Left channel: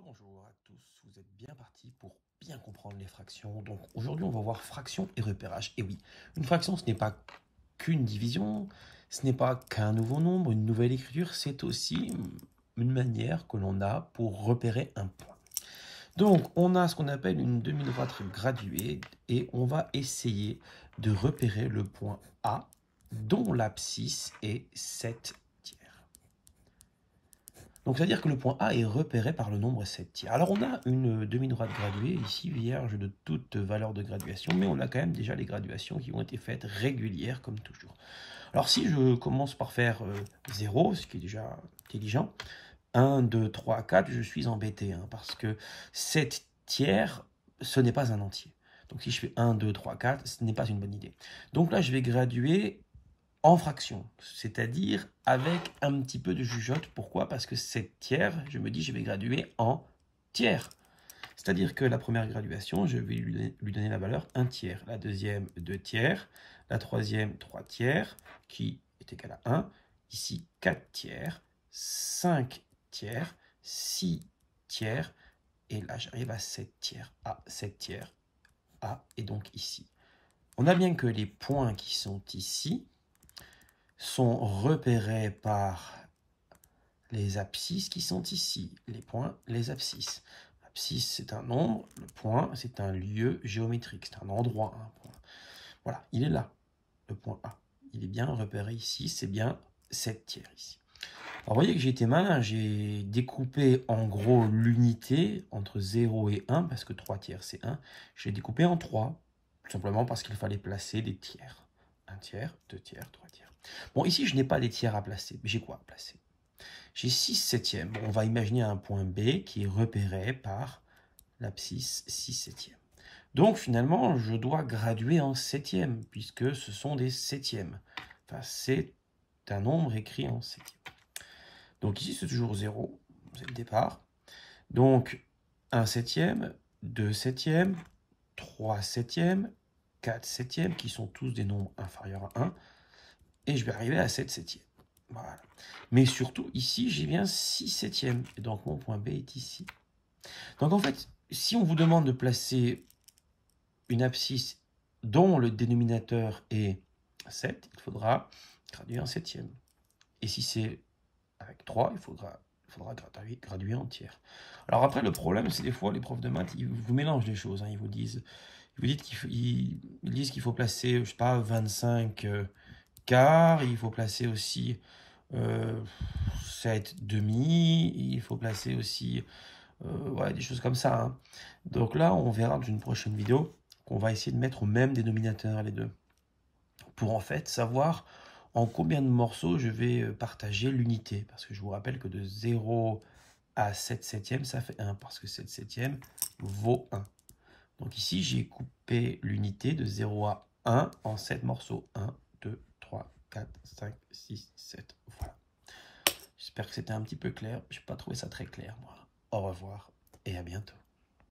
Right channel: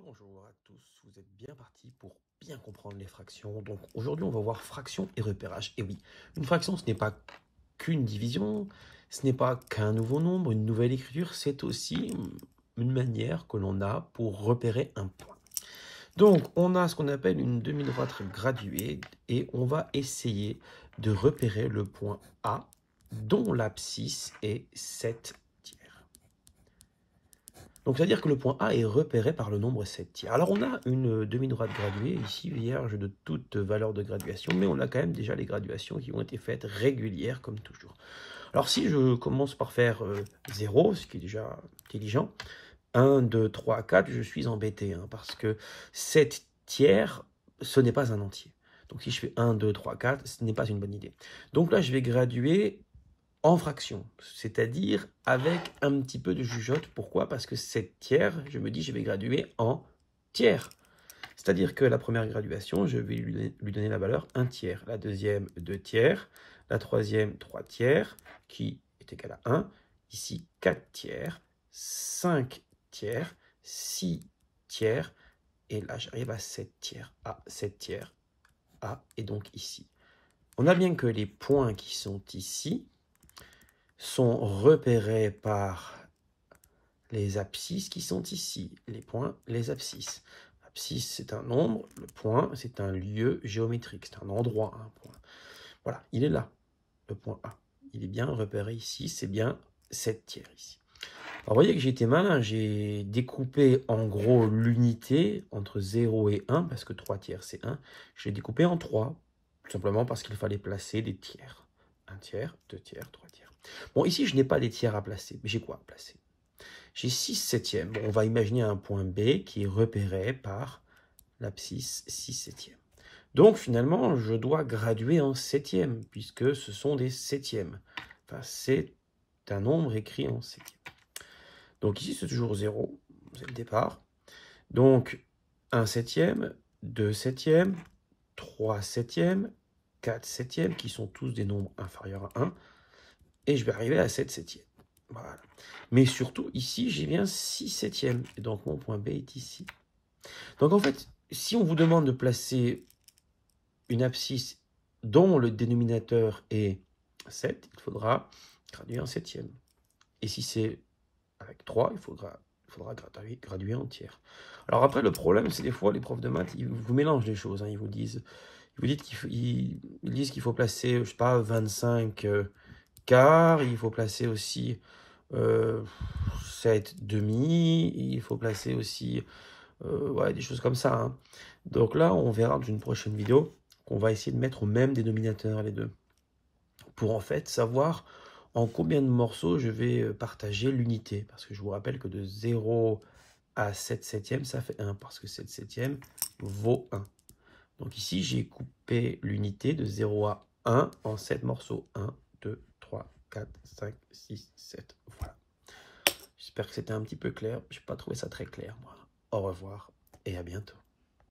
Rebonjour à tous, vous êtes bien partis pour bien comprendre les fractions. Donc aujourd'hui on va voir fraction et repérage. Et oui, une fraction ce n'est pas qu'une division, ce n'est pas qu'un nouveau nombre, une nouvelle écriture, c'est aussi une manière que l'on a pour repérer un point. Donc on a ce qu'on appelle une demi-droite graduée et on va essayer de repérer le point A dont l'abscisse est 7 tiers. Donc, c'est-à-dire que le point A est repéré par le nombre 7 tiers. Alors, on a une demi-droite graduée, ici, vierge de toute valeur de graduation, mais on a quand même déjà les graduations qui ont été faites régulières, comme toujours. Alors, si je commence par faire 0, ce qui est déjà intelligent, 1, 2, 3, 4, je suis embêté, parce que 7 tiers, ce n'est pas un entier. Donc, si je fais 1, 2, 3, 4, ce n'est pas une bonne idée. Donc là, je vais graduer en fraction, c'est-à-dire avec un petit peu de jugeote. Pourquoi? Parce que 7 tiers, je me dis, je vais graduer en tiers. C'est-à-dire que la première graduation, je vais lui donner la valeur 1 tiers. La deuxième, 2 tiers. La troisième, 3 tiers, qui est égal à 1. Ici, 4 tiers, 5 tiers, 6 tiers. Et là, j'arrive à 7 tiers, A, 7 tiers, A, et donc ici. On a bien que les points qui sont ici sont repérés par les abscisses qui sont ici. Les points, les abscisses. Abscisse, c'est un nombre. Le point, c'est un lieu géométrique. C'est un endroit, un point. Voilà, il est là, le point A. Il est bien repéré ici. C'est bien 7 tiers ici. Alors, vous voyez que j'ai été malin. J'ai découpé en gros l'unité entre 0 et 1, parce que 3 tiers, c'est 1. Je l'ai découpé en 3, tout simplement parce qu'il fallait placer des tiers. 1 tiers, 2 tiers, 3 tiers. Bon, ici, je n'ai pas des tiers à placer. Mais j'ai quoi à placer? J'ai 6 septièmes. Bon, on va imaginer un point B qui est repéré par l'abscisse 6 septièmes. Donc, finalement, je dois graduer en septième, puisque ce sont des septièmes. Enfin, c'est un nombre écrit en septième. Donc, ici, c'est toujours 0. C'est le départ. Donc, 1 septième, 2 septièmes, 3 septièmes, 4 septièmes, qui sont tous des nombres inférieurs à 1. Et je vais arriver à 7 septièmes. Voilà. Mais surtout, ici, j'ai bien 6 septièmes. Et donc, mon point B est ici. Donc, en fait, si on vous demande de placer une abscisse dont le dénominateur est 7, il faudra graduer en septième. Et si c'est avec 3, il faudra graduer en tiers. Alors après, le problème, c'est des fois, les profs de maths, ils vous mélangent les choses. Ils vous disent qu'il faut placer, je sais pas, 25 quarts. Il faut placer aussi 7 demi. Il faut placer aussi ouais, des choses comme ça. Donc là, on verra dans une prochaine vidéo qu'on va essayer de mettre au même dénominateur les deux. Pour en fait savoir en combien de morceaux je vais partager l'unité. Parce que je vous rappelle que de 0 à 7 septièmes, ça fait 1. Parce que 7 septièmes vaut 1. Donc ici, j'ai coupé l'unité de 0 à 1 en 7 morceaux. 1, 2, 3, 4, 5, 6, 7. Voilà. J'espère que c'était un petit peu clair. Je n'ai pas trouvé ça très clair, moi. Au revoir et à bientôt.